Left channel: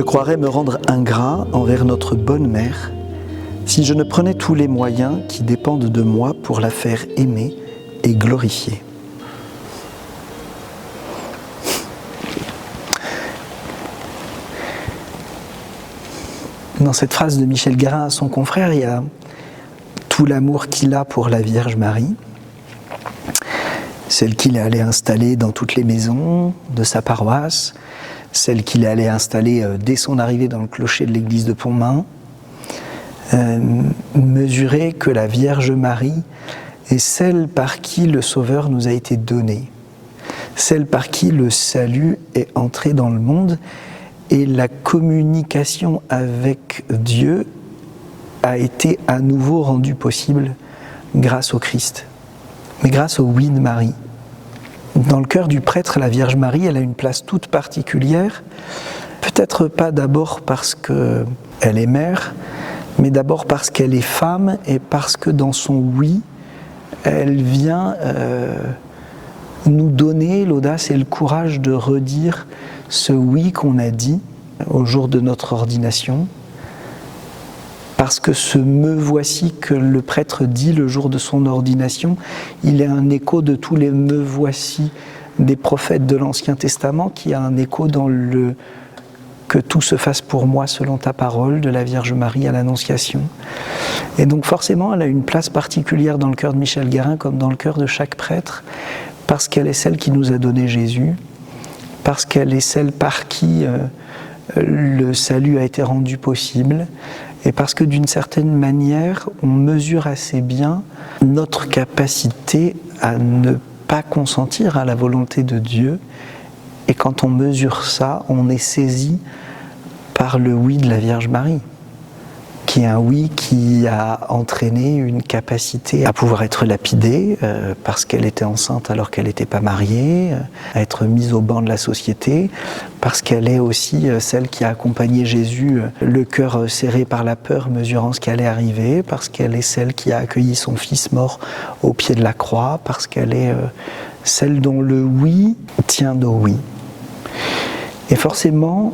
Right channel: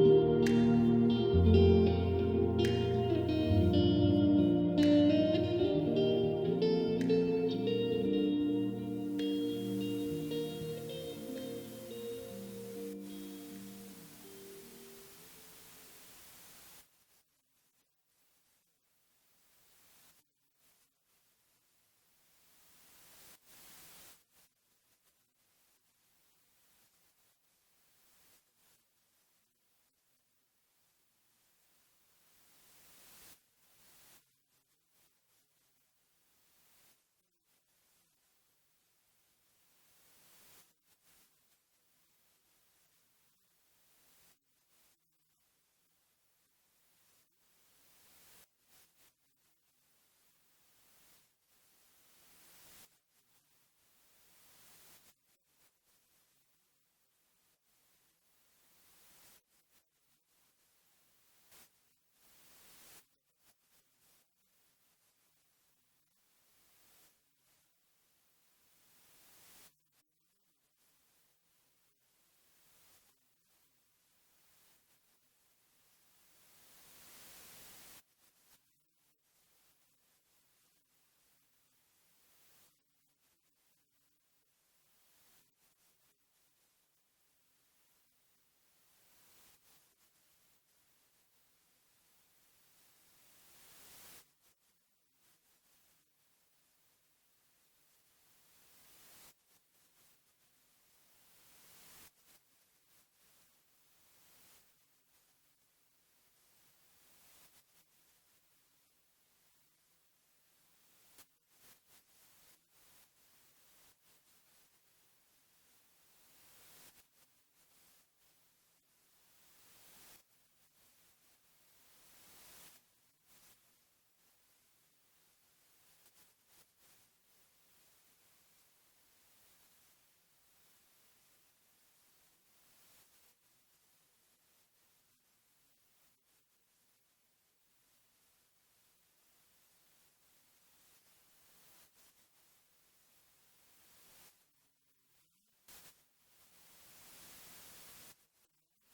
Je croirais me rendre ingrat envers notre bonne mère si je ne prenais tous les moyens qui dépendent de moi pour la faire aimer et glorifier. Dans cette phrase de Michel Guérin à son confrère, il y a tout l'amour qu'il a pour la Vierge Marie, celle qu'il est allé installer dans toutes les maisons de sa paroisse, celle qu'il est allé installer dès son arrivée dans le clocher de l'église de Pontmain. Mesurer que la Vierge Marie est celle par qui le Sauveur nous a été donné, celle par qui le salut est entré dans le monde, et la communication avec Dieu a été à nouveau rendue possible grâce au Christ, mais grâce au oui de Marie. Dans le cœur du prêtre, la Vierge Marie, elle a une place toute particulière, peut-être pas d'abord parce qu'elle est mère, mais d'abord parce qu'elle est femme et parce que dans son oui, elle vient nous donner l'audace et le courage de redire ce oui qu'on a dit au jour de notre ordination, parce que ce « me voici » que le prêtre dit le jour de son ordination, il est un écho de tous les « me voici » des prophètes de l'Ancien Testament, qui a un écho dans le « que tout se fasse pour moi selon ta parole » de la Vierge Marie à l'Annonciation. Et donc forcément, elle a une place particulière dans le cœur de Michel Guérin, comme dans le cœur de chaque prêtre, parce qu'elle est celle qui nous a donné Jésus, parce qu'elle est celle par qui le salut a été rendu possible, et parce que d'une certaine manière, on mesure assez bien notre capacité à ne pas consentir à la volonté de Dieu, et quand on mesure ça, on est saisi par le oui de la Vierge Marie, qui est un oui qui a entraîné une capacité à pouvoir être lapidée parce qu'elle était enceinte alors qu'elle n'était pas mariée, à être mise au banc de la société, parce qu'elle est aussi celle qui a accompagné Jésus, le cœur serré par la peur, mesurant ce qui allait arriver, parce qu'elle est celle qui a accueilli son fils mort au pied de la croix, parce qu'elle est celle dont le oui tient au oui. Et forcément,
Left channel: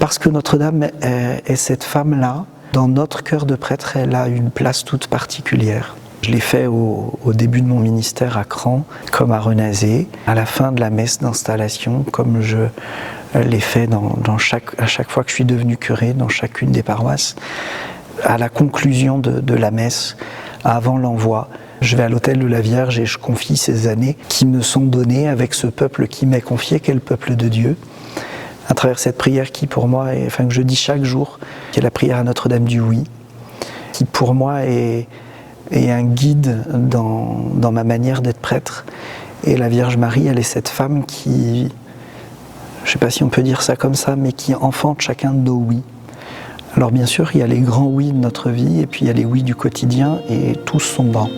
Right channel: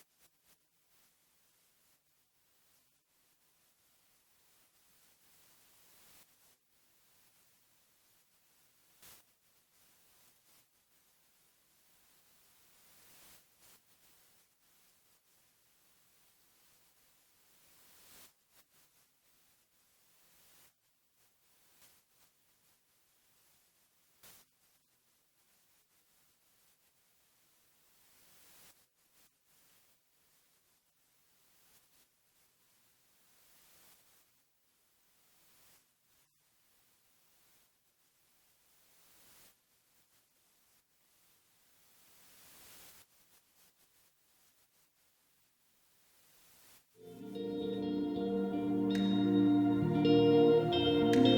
parce que Notre-Dame est cette femme-là, dans notre cœur de prêtre, elle a une place toute particulière. Je l'ai fait au début de mon ministère à Cran, comme à Renazé, à la fin de la messe d'installation, comme je l'ai fait à chaque fois que je suis devenu curé, dans chacune des paroisses. À la conclusion de la messe, avant l'envoi, je vais à l'autel de la Vierge et je confie ces années qui me sont données avec ce peuple qui m'est confié, qu'est le peuple de Dieu, à travers cette prière qui pour moi, que je dis chaque jour, qui est la prière à Notre-Dame du Oui, qui pour moi est un guide dans ma manière d'être prêtre. Et la Vierge Marie, elle est cette femme qui, je ne sais pas si on peut dire ça comme ça, mais qui enfante chacun de nos oui. Alors bien sûr, il y a les grands oui de notre vie, et puis il y a les oui du quotidien, et tous sont bons.